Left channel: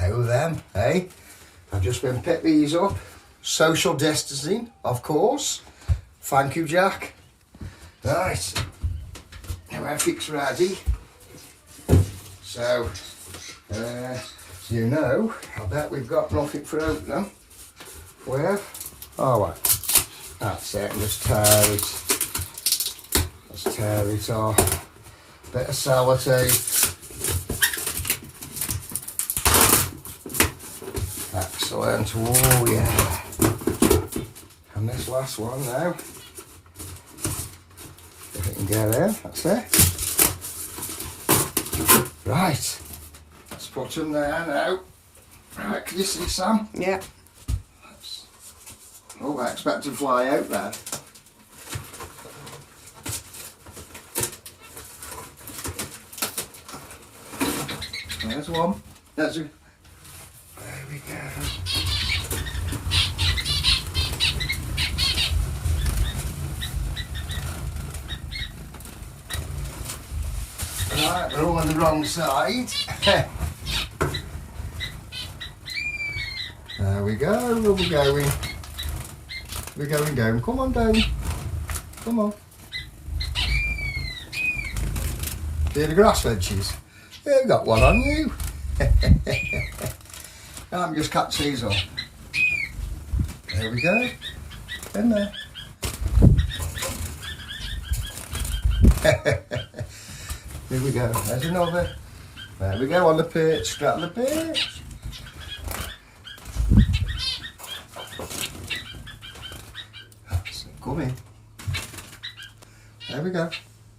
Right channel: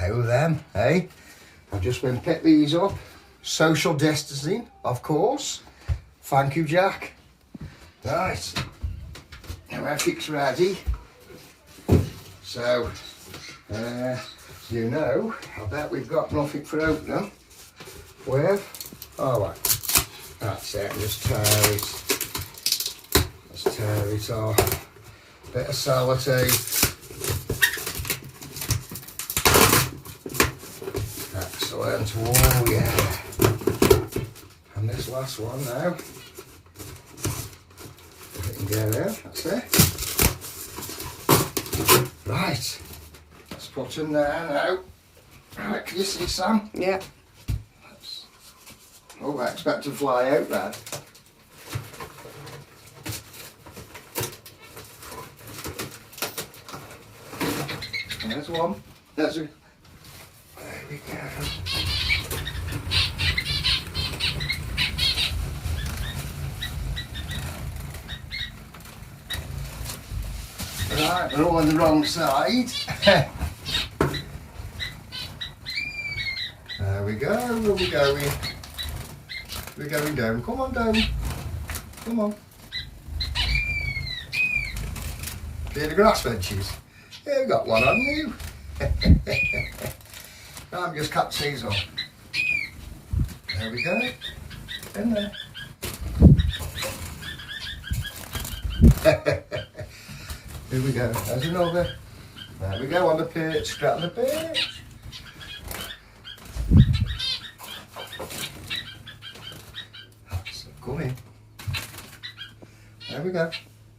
Oh them, hey? I've just been pick these up. Social distancing, of course. Thank you, Jack. Right, now everything's ready. So, you know, I bet we've got nothing for opening with. Oh, well, that's it, just tear it. Let's tear it off. Bit of sellotape. Excellent, oh yeah. And this last one now. If it can get in, that's it. Right, let's put them there now. Right, can you see, Sam? Yeah. Oh, I expect to fly out then. There's one. There's a... There we go. Right, we're all on the wrong side. There we go, we're going. We're going down. Come on down. Come on. See the grass veggies? Yeah, you got one on you. I'm just cut these off. There we go. In there. Here we go. There's another. There we go on the perch. Strap the perch. Come in. There we go.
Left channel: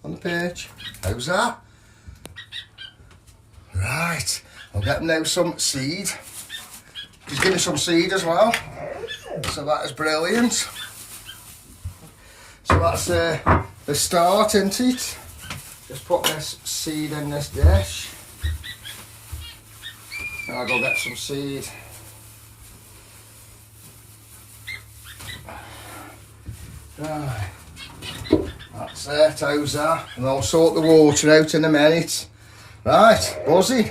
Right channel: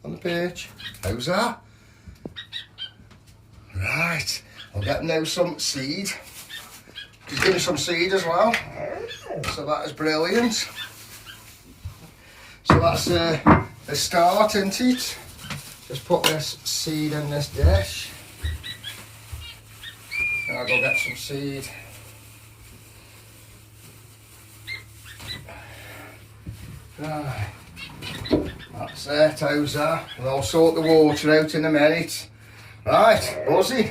On the perch. How's that? Right. I'll get them now some seed. He's giving me some seed as well. So that is brilliant. So that's the start, isn't it? Just put this seed in this dish. And I'll go get some seed. Right. That's it, how's that? And I'll sort the water out in a minute. Right, buzzy.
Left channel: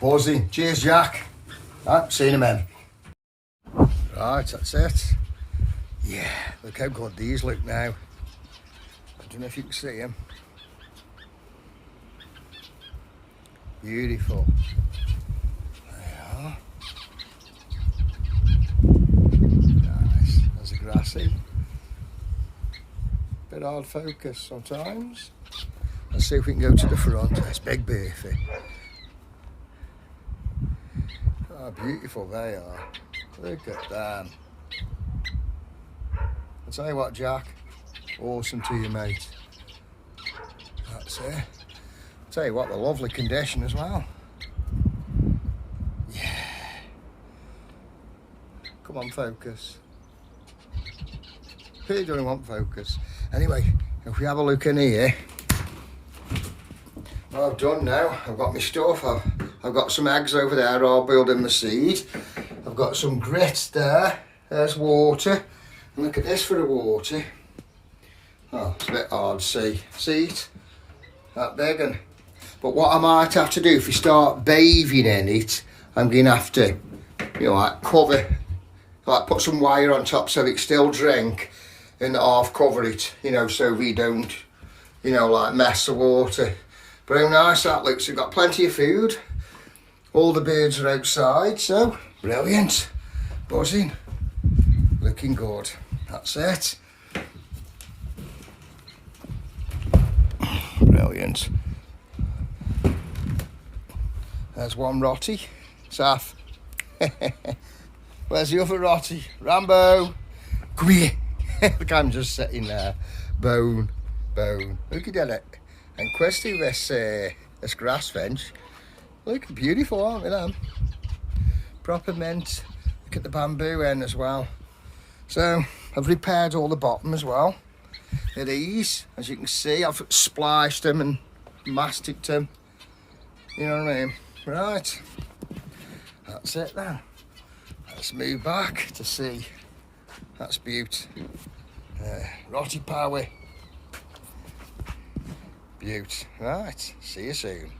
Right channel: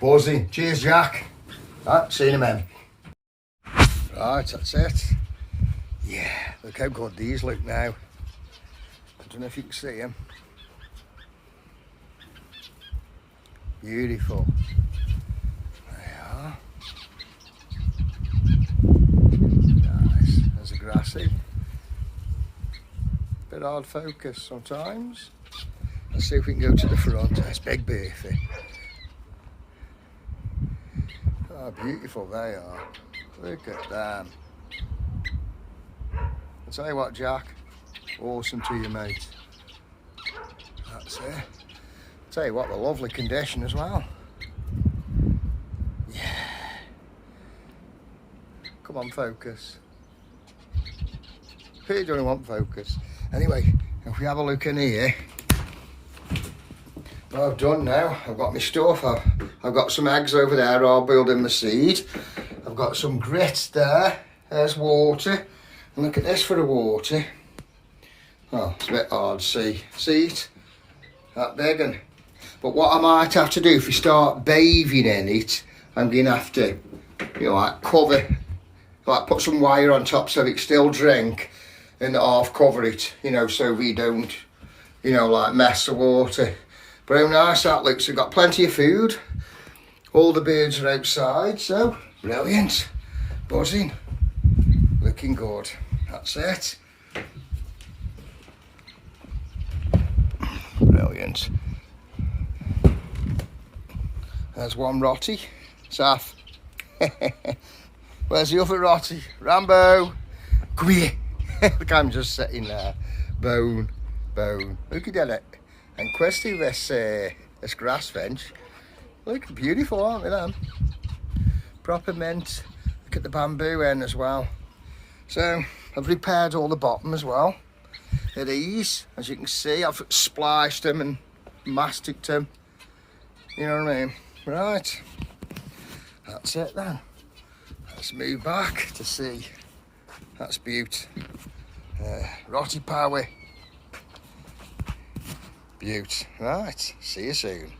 Buzzy. Cheers, Jack. Right, see you in a minute. Right, that's it. Yeah, look how good these look now. I don't know if you can see them. Beautiful. There they are. Nice. There's a grassy. Bit hard focus sometimes. Let's see if we can go to the front. That's big beefy. Oh, beautiful they are. Look at them. I'll tell you what, Jack. Awesome to you, mate. That's it. I'll tell you what, the lovely condition as well. Yeah. Come on, focus. Who don't want focus? Anyway, if we have a look in here, what I've done now, I've got my stuff. I've got some eggs over there, all boiled in my seed. I've got some grits there. There's water. And look at this for the water. Oh, it's a bit hard to see. See it? That big one. But what I might have to do if you start bathing in it, I'm going to have to, you know, like cover, like put some wire on top so it can still drink and half cover it, you know, so we don't, you know, like mess the water. But how nice that looks. We've got plenty of food. All the birds are outside, so brilliant. Buzzing. Looking good. That's it. Brilliant. There's one Rotty. Saf. Where's the other Rotty? Rambo. Come here. Look, I'm just sitting there. Bone. Look at it. And Questy, this grass fence. Look, beautiful, aren't they, them? Proper mint. Look at the bamboo end as well. So, I've repaired all the bottom as well. At ease, as you can see, I've spliced them and masticed them. You know what I mean? Right. That's it then. Let's move back to see. That's beaut. Rotty power. Beaut. Right. See you soon.